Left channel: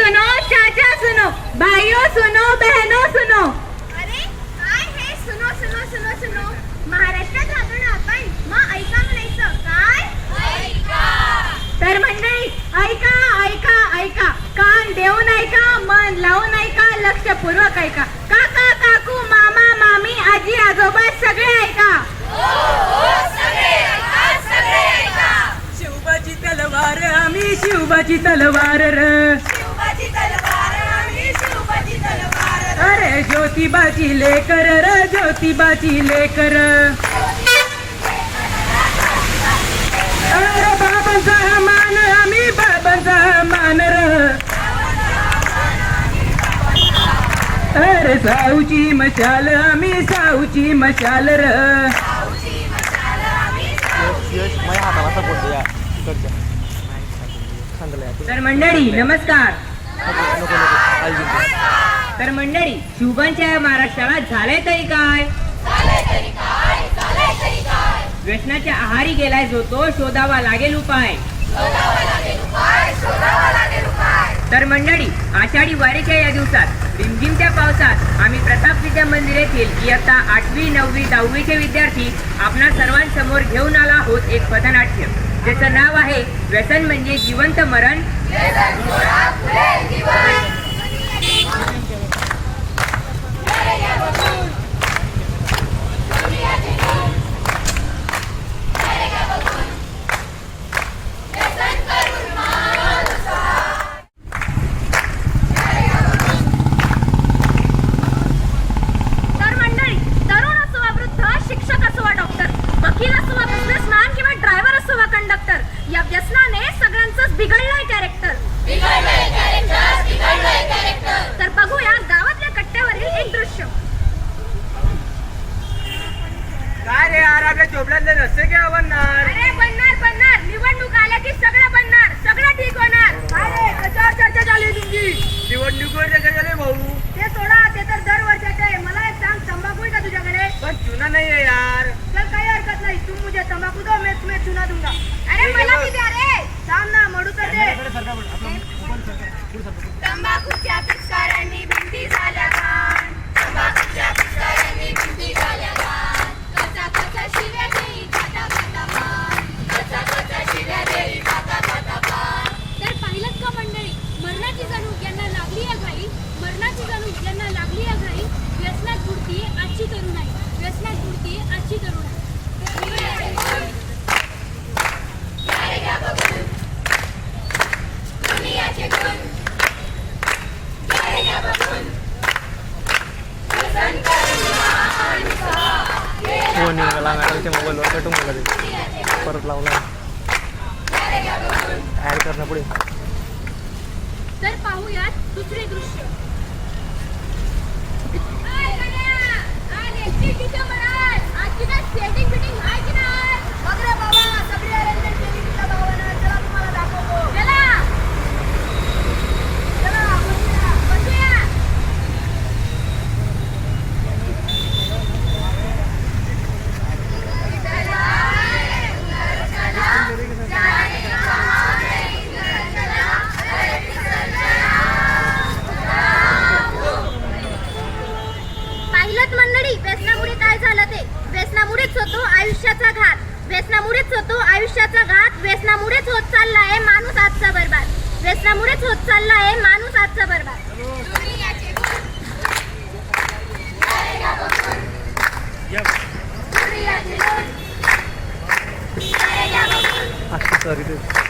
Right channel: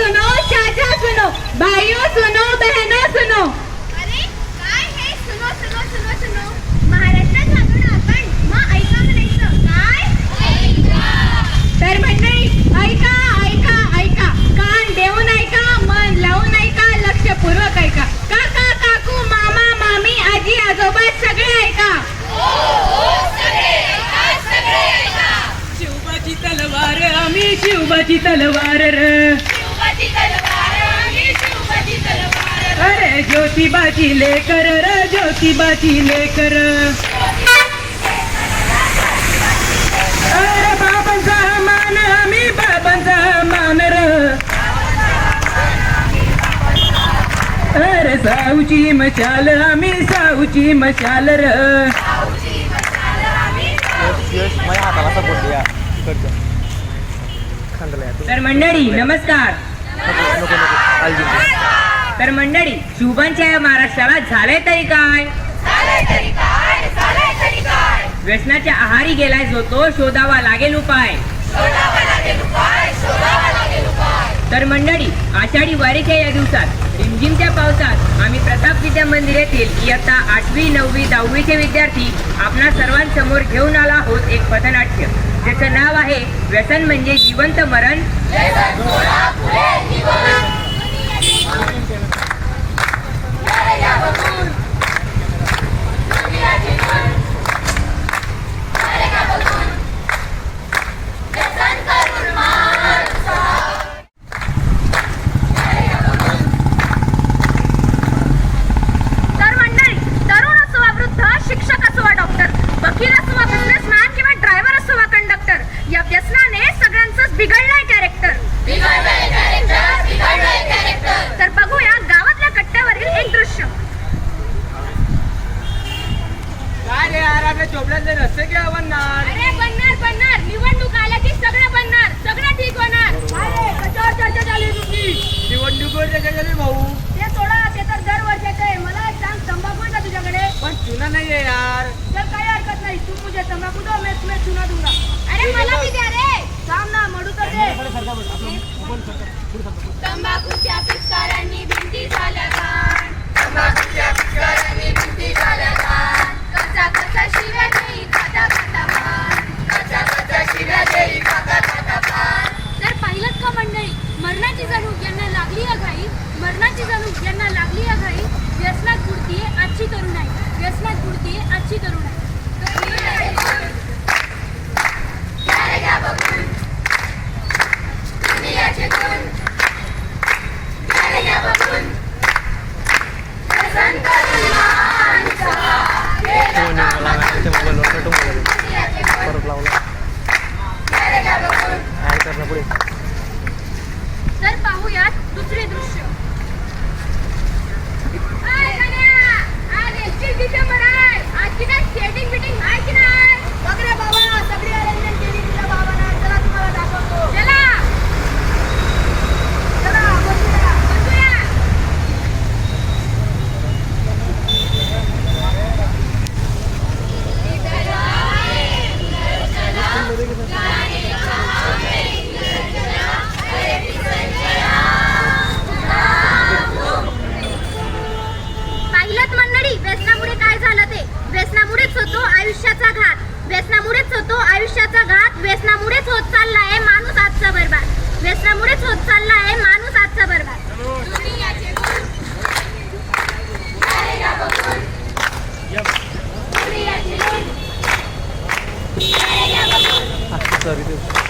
सुनो चाचा सुनो भाइयों सुनो बहनों सुनो। अरे काय हे? सुनो सुनो सुनो सुनो। महाराष्ट्रात आपण आपण मग ऐका म्हणायचं काय? तर मंडळी ऐका ऐका ऐका कान देऊन ऐका मन लावून ऐका लक्षपूर्वक ऐका. काका काकू मामा मामी आजी आजोबा सगळे ऐका. शिवबाची तलवार आम्ही शिवबाची तलवार र अरे ज्योतिबाची लेकर र ज्योतिबाची लेकर. अरे बाबांचा मान आम्ही बाबांचा मान र. अरे साऊची मशाल आम्ही साऊची मशाल र. तर मंडळी नमस्कार. तर मंडळी शिवबांच्या या महाराष्ट्राला झालंय तरी काय? व्यसनाच्या आहारी गेलाय जो तो शोधावा लागेल उपाय. तर मंडळी आषाढी वारीच्या या दिवसात रिमझिमच्या पावसात आम्ही प्रताप विद्या मंदिर येथील इयत्ता आठवी नववी दहावीचे विद्यार्थी आपणा सर्वांसमोर घेऊन आला आहोत एक पथनाट्य. ज्याचं नाव आहे व्यसन म्हणजे जिवंत मरण. निघाला मोबाईलवर कटून गेला ते. परत लावला. ॲड करणं पुढे तर पाहूयात दुसरे दृश्य. पाहिलंच मंडळी व्यसनामुळे काय झालं ते? व्यसनामुळेच होतो आयुष्याचा घात. व्यसनामुळेच होतो आयुष्याचा घात. व्यसनामुळेच होत चाललाय माणूस आजचा बरबाद. व्यसनामुळेच होत चाललाय माणूस आजचा बरबाद. सर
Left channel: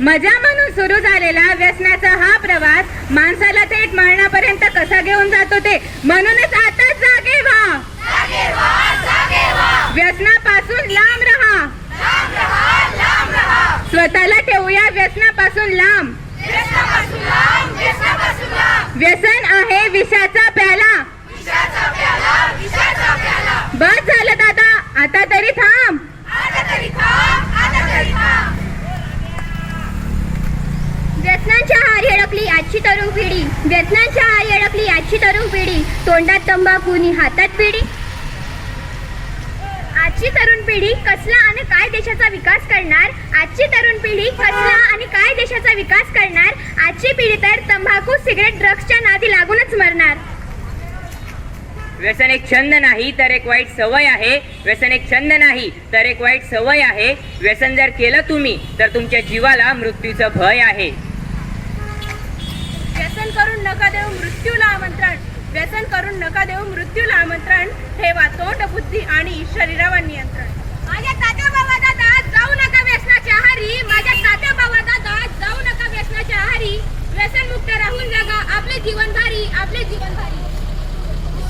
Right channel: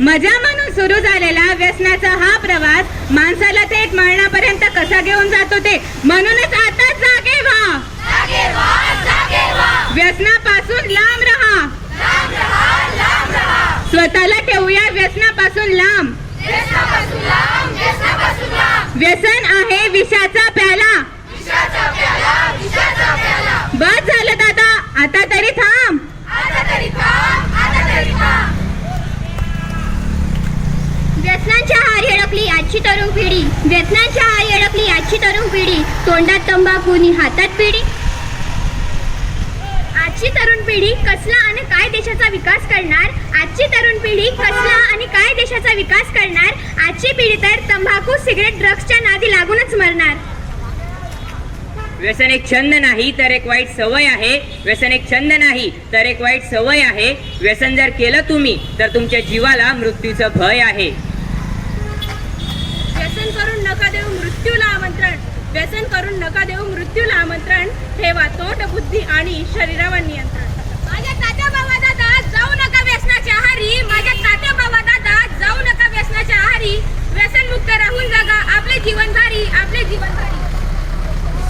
मजा म्हणून सुरू झालेला व्यसनाचा हा प्रवास माणसाला थेट मरणापर्यंत कसा घेऊन जातो ते म्हणूनच आता जागे व्हा. जागे व्हा जागे व्हा. व्यसनापासून लांब राहा. स्वतःला ठेवूया व्यसनापासून लांब. व्यसन आहे विषाचा प्याला. बस झालं दादा आता तरी थांब आता तरी थांब आता तरी थांब व्यसनांच्या आहारी अडकली आजची तरुण पिढी. व्यसनांच्या आहारी अडकली आजची तरुण पिढी. तोंडात तंबाखू नि हातात पिढी. आजची तरुण पिढी कसला आणि काय देशाचा विकास करणार? आजची तरुण पिढी कसला आणि काय देशाचा विकास करणार? आजची पिढी तर तंबाखू सिगरेट ड्रग्सच्या नादी लागूनच मरणार. व्यसन एक छंद नाही तर एक वाईट सवय आहे. व्यसन एक छंद नाही तर एक वाईट सवय आहे. व्यसन जर केलं तुम्ही तर तुमच्या जीवाला मृत्यूचं भय आहे. व्यसन करून नका देऊ मृत्यूला आमंत्रण. व्यसन करून नका देऊ मृत्यूला आमंत्रण. ठेवा तोंड बुद्धी आणि शरीरावर नियंत्रण. माझ्या तात्या बाबा दादा जाऊ नका व्यसनाच्या आहारी. माझ्या तात्या बाबा दादा जाऊ नका व्यसनाच्या आहारी. व्यसन मुक्त राहून जगा. आपले जीवन भारी आपले जीवन भारी.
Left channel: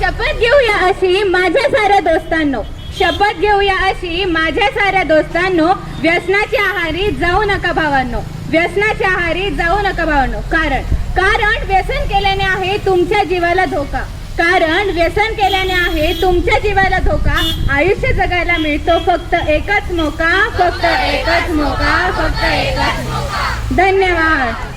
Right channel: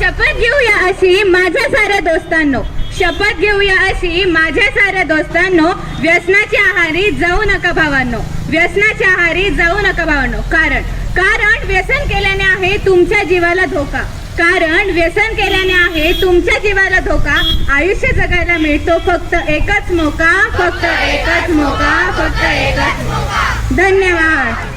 शपथ घेऊया अशी माझ्या साऱ्या दोस्तांनो. शपथ घेऊया अशी माझ्या साऱ्या दोस्तांनो. व्यसनाच्या आहारी जाऊ नका भावांनो. व्यसनाच्या आहारी जाऊ नका भावांनो. कारण कारण व्यसन केल्याने आहे तुमच्या जीवाला धोका. कारण व्यसन केल्याने आहे तुमच्या जीवाला धोका. आयुष्य जगायला मिळतो फक्त एकच मोका फक्त एकच मोका फक्त एकच धन्यवाद.